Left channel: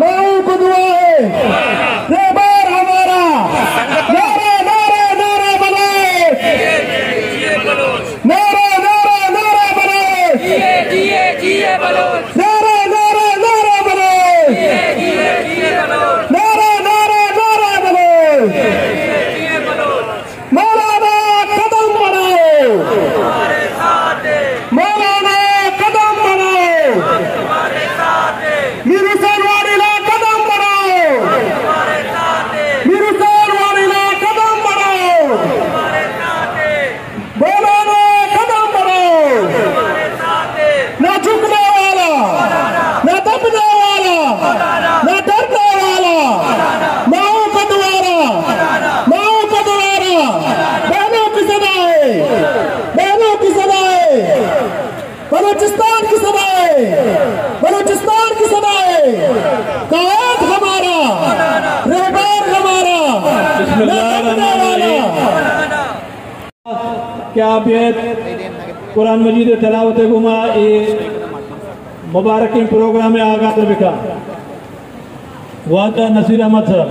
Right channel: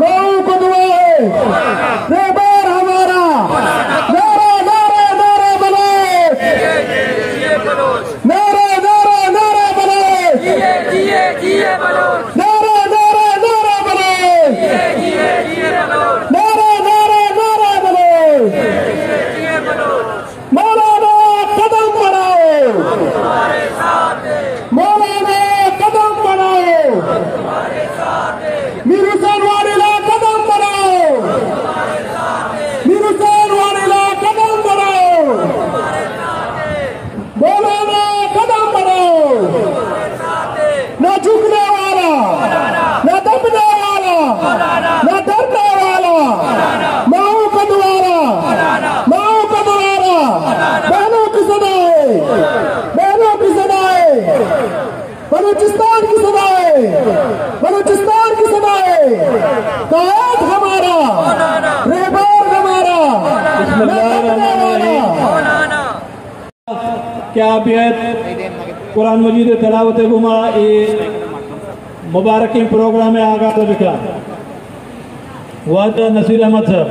माऊ को दुआ है रहबर हमारा नारा नारा नारा बलोच नारा नारा नारा बलोच नारा नारा नारा बलोच नारा नारा नारा बलोच मौलाना कदम बढ़ाओ मौलाना कदम बढ़ाओ मिरुसान वालेला कदम बढ़ाओ मिरुसान वालेला कदम बढ़ाओ मौलाना कदम बढ़ाओ ना झुकने वाला ना दबने वाला ना डरने वाला माओ का द्वारा बहनों की सदाएं बलूचिस्तान की सदाएं बलूचिस्तान की सदाएं कायद हमारा रहबर हमारा क्या बेहद कुरान मजीद तलावत गुमा मुबारक प्रोग्राम में आगाज बिखरा वह तो नसीर अहमद साहब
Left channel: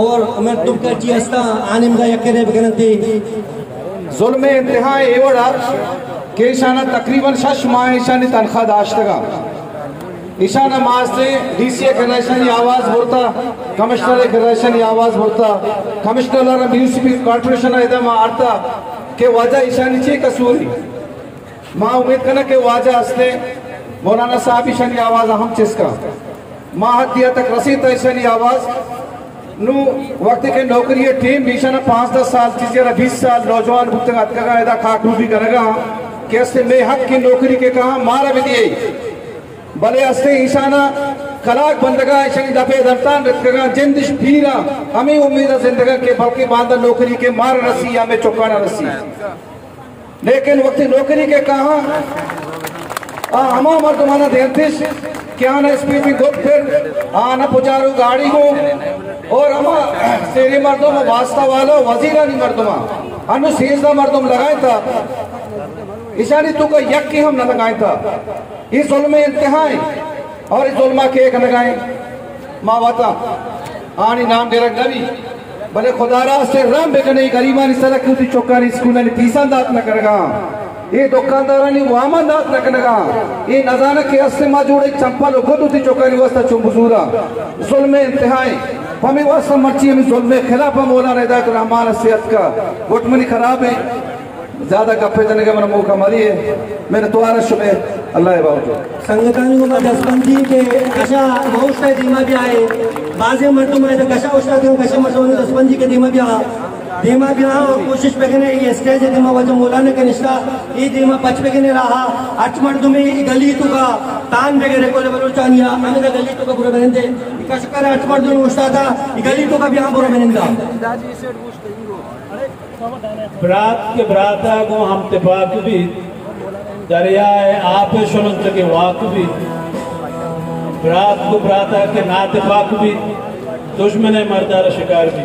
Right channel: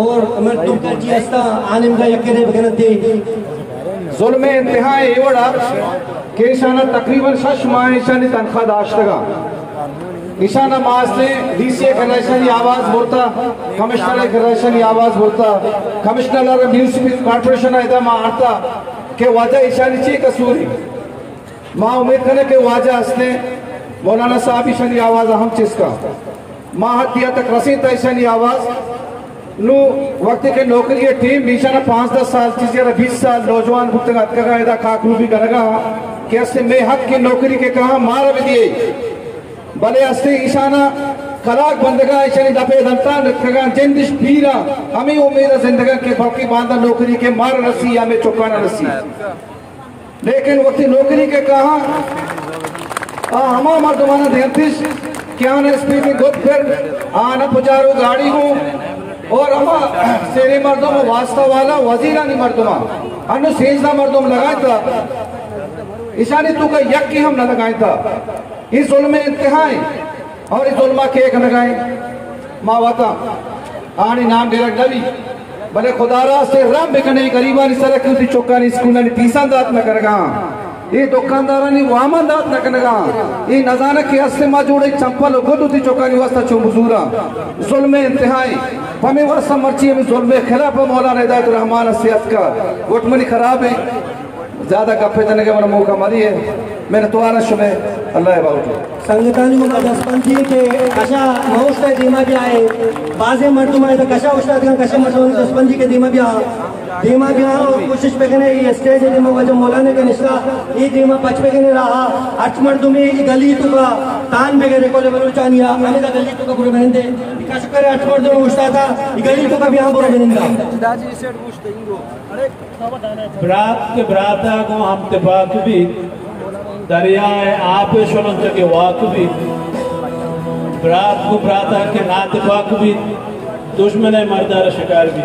और मैं तुमका जियास्ता आनिम का यकीने बगनती जुल्म इंतहा एवड़ा के ईशाना तकरीबन 6 माह ईशानी तनख्वाह दाश्तगा ईशाना माह से डीसीए गणेशन आवाज होता कमिश्नर गणेशन आवाज होता कमिश्नर म्यूनिसिपल कॉर्पोरेशन इधर आता के वजह ईशानी ची कसूरी माँ उम्मीद करने के वजह हंसने मौलाना साहब ईशानी आवाज अहम चिस्का माँ हत्या तक रसी था ईशानी आवाज नु वक्त के नौकरी टीम बीशाना 5-10 साल चीजें 20 साल नौजवान भुगतेगा इधर खाकू भी करेगा कैसे मैं हक की नौकरी के कहा मारा भी दिए भले अस्ते ईशाना खराक बंदगा ईशानी दफे दर्तान रखगा जिंदिश पीरा हमें उम्मीद जिंदगा के बाकी बांधा नौकरी के मार रसी या में चौकाना रसी लेकिन वक्त नौकरी के कहा हमा मर्दमाना देरतिश क्या ना स्पीड में गुप फिर आना पुजारू गाड़ी हूँ और हम सेरे मर्दों में वास्ता वाला वजीरा नहीं मर्दों अनु सेजदा मर्दों लगाया था ईशानी तू का यक की हम न लगाए था इस जुल्म इंतहाई और इस जुल्मा के एक लगाए मावाता आनी नाम डेरा गवी भले खुदारा से रम बिकने गरीबा नहीं सर क्यों चौका नहीं स्कूल नहीं पीसा दात न करेगा ये दुकानदारा नहीं वामन दात न करेगा ये नजाना के हस्ते मा जुड़े चंपल हो खुद उसी चौका नहीं वास्ता चुंबसूरा जुल्म इंतहाई हमें वास्ता मर्ची हमें जुल्म खिलाफ मौलाना हिदायत रहमान सेहत का गुटमनी खराब है ज्यादा गप्पे देने का मौका मरी है मेरे तुम्हारा शुभ अल्लाह संगतानी को दसपंथी के कशा मौस्ता धीमा भी आए बाजी मर्दों में कशा उस्ता कशा मर्दों दसपंथी के धीमा भी धीमा भी और कोशिश पे कने ये स्टेज धीमा वजह मौलाना का निश्ता ये धीमा पच पे कने रहा अच मर्दों में गली तो का तान बेगरे को ले बलूचानिया हमें गली तो का बुरा बहन दे कश पे अच मर्दों में उस्ता था गली तो का भी हम बुरा बहन का बरात के बराता को हम तफाक भी दरियाए आप शुनच के वाक भी बरात को बरात के नात पाक भी दुश्मन मर्दार शिकार भी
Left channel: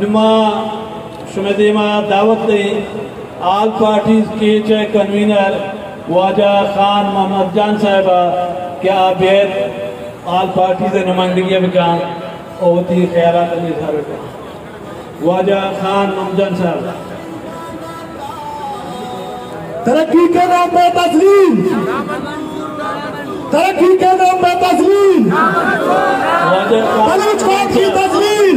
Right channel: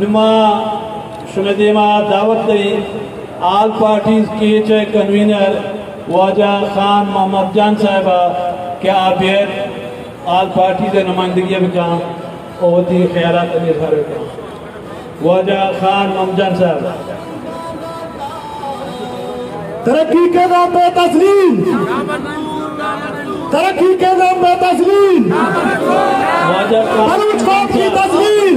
निमा शुमेदिमा दावत दी आल पार्टी के कन्वीनर वाजा खान मोहम्मद जान साहब के आबेद आल पार्टी से नुमाइंदगी में काम और ख्याल वाजा खान मोहम्मद जान साहब तरक्की के नाम पे तस्लीम, तरक्की के नाम पे तस्लीम, बलोच कौम की तस्लीम।